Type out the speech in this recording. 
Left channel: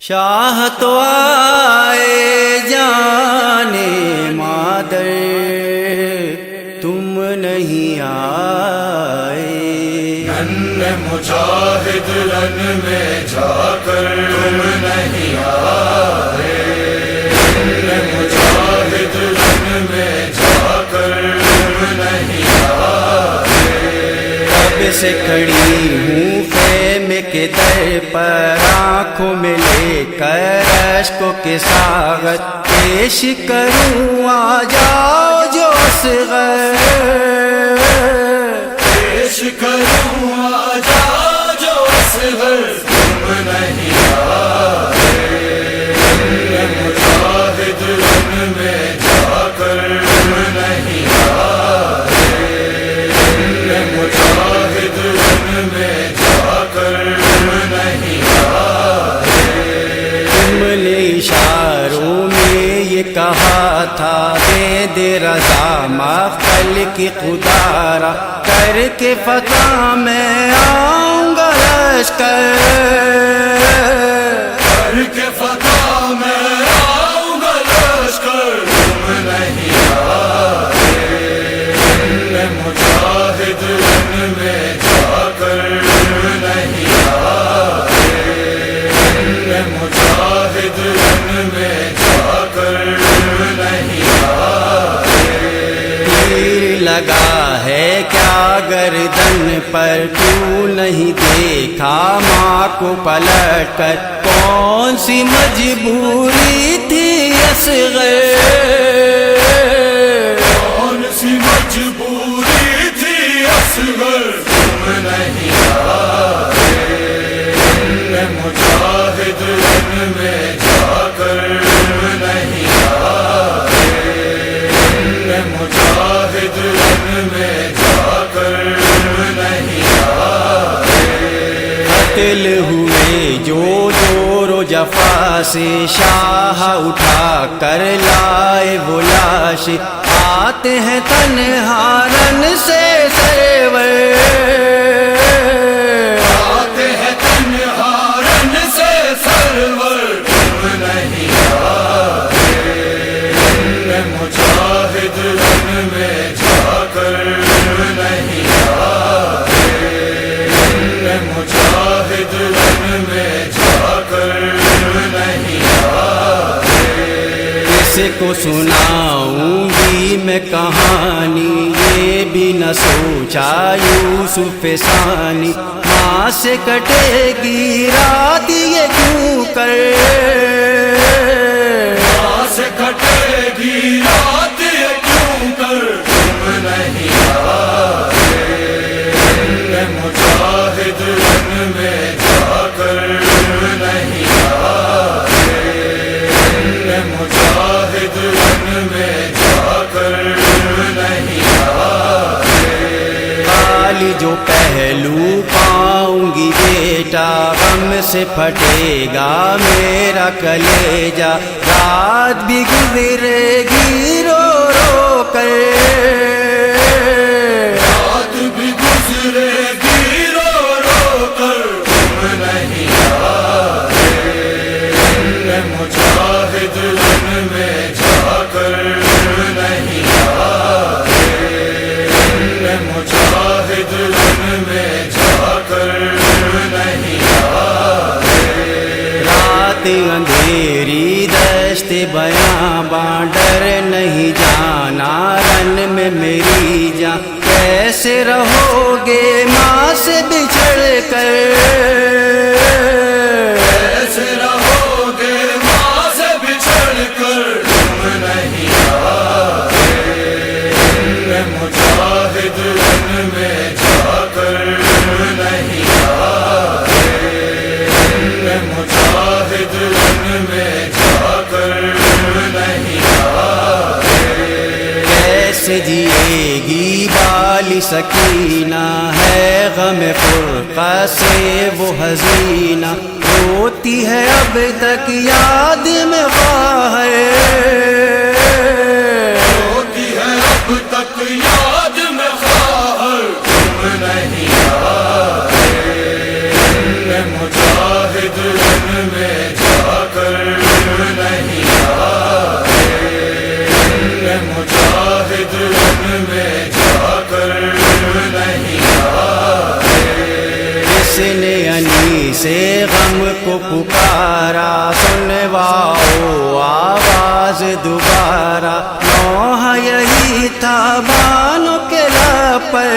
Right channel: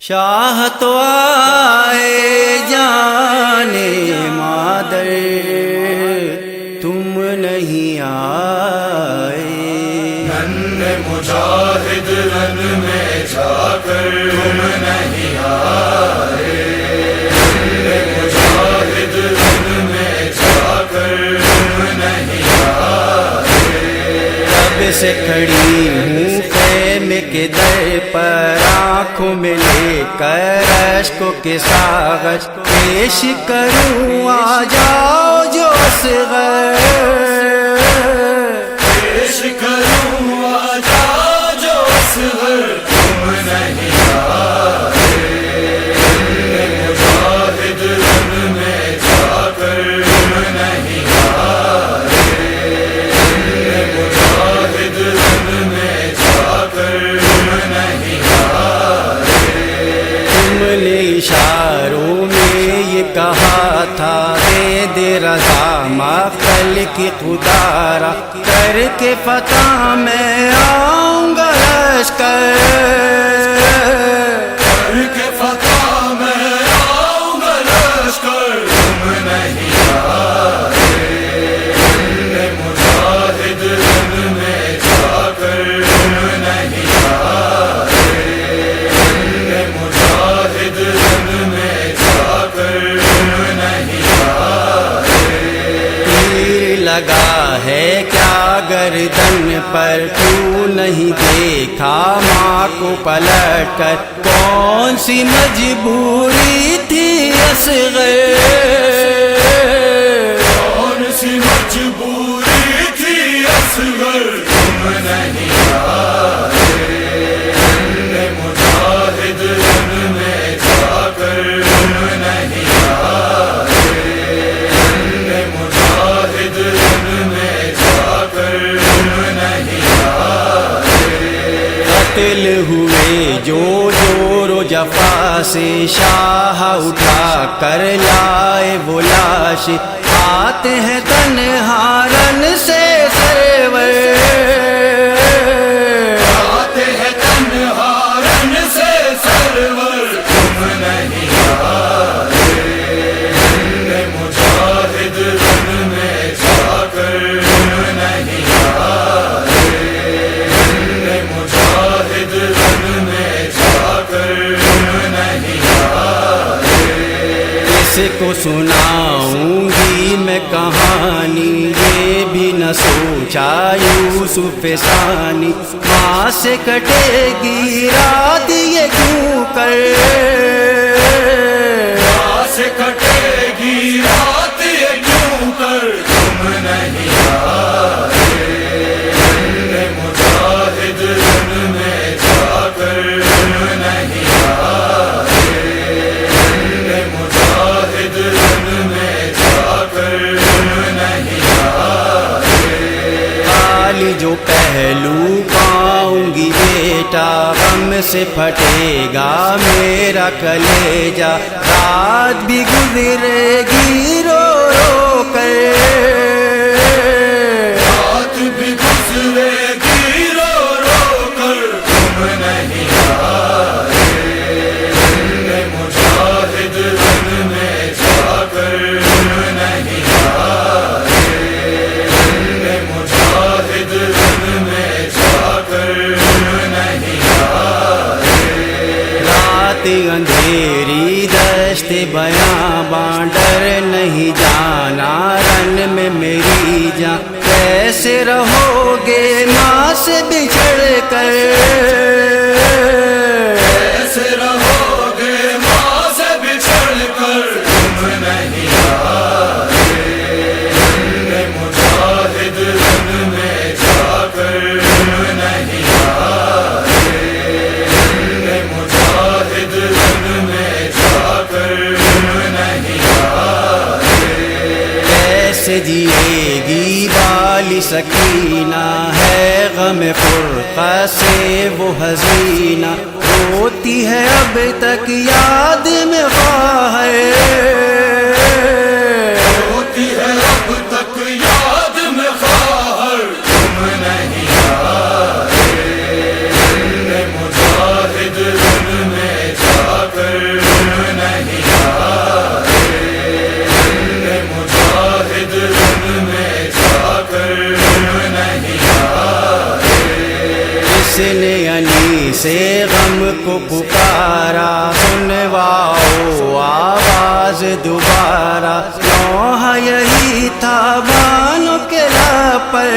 شاہ تو آئے جانے مادر، تم نہیں آئے۔ ننھے مجاہد رن میں جا کر تم نہیں آئے، ننھے مجاہد رن میں جا کر تم نہیں آئے۔ کب سے کھڑی ہوں خیمے کے در پر، آنکھوں میں لے کر اشکوں کے ساغر، پیش کروں آ جاؤ جو اصغر، پیش کروں آ جاؤ جو اصغر، تم نہیں آئے۔ ننھے مجاہد رن میں جا کر تم نہیں آئے، ننھے مجاہد رن میں جا کر تم نہیں آئے۔ تم نے اشاروں میں یہ کہا تھا، دے دے رضا مقتل کی خدارا، کر کے فتح میں آؤں گا لشکر، کر کے فتح میں آؤں گا لشکر، تم نہیں آئے۔ ننھے مجاہد رن میں جا کر تم نہیں آئے، ننھے مجاہد رن میں جا کر تم نہیں آئے۔ تیر لگا ہے کیا گردن پر، تو نہیں دیکھا ماں کو پلٹ کر، کون سی مجبوری تھی اصغر، کون سی مجبوری تھی اصغر، تم نہیں آئے۔ ننھے مجاہد رن میں جا کر تم نہیں آئے، ننھے مجاہد رن میں جا کر تم نہیں آئے۔ قتل ہوئے جو جور و جفا سے، شاہ اٹھا کر لائے وہ لاش، آتے ہیں تنہا رن سے سرور، آتے ہیں تنہا رن سے سرور، تم نہیں آئے۔ ننھے مجاہد رن میں جا کر تم نہیں آئے، ننھے مجاہد رن میں جا کر تم نہیں آئے۔ کس کو سناؤں گی میں کہانی، یہ بھی نہ سوچا یوسف ثانی، ماں سے کٹے گی رات یہ کیوں کر، ماں سے کٹے گی رات یہ کیوں کر، تم نہیں آئے۔ ننھے مجاہد رن میں جا کر تم نہیں آئے، ننھے مجاہد رن میں جا کر تم نہیں آئے۔ خالی جو پہلو پاؤں گی بیٹا، غم سے پھٹے گا میرا کلیجہ، رات بھی گزرے گی رو رو کر، رات بھی گزرے گی رو رو کر، تم نہیں آئے۔ ننھے مجاہد رن میں جا کر تم نہیں آئے، ننھے مجاہد رن میں جا کر تم نہیں آئے۔ رات اندھیری دشت بیاباں، ڈر نہیں جانا رن میں میری جان، کیسے رہو گے ماں سے بچھڑ کر، کیسے رہو گے ماں سے بچھڑ کر، تم نہیں آئے۔ ننھے مجاہد رن میں جا کر تم نہیں آئے، ننھے مجاہد رن میں جا کر تم نہیں آئے۔ کیسے جیے گی بالی سکینہ، ہے غم فرقہ سے وہ حزینہ، روتی ہے اب تک یاد میں خواہر، ہوتی ہے اب تک یاد میں خواہر، تم نہیں آئے۔ ننھے مجاہد رن میں جا سے غم کو پکارا، سنواؤ آواز دوبارہ، نوحہ یہی تھا بانوں کے لب پر،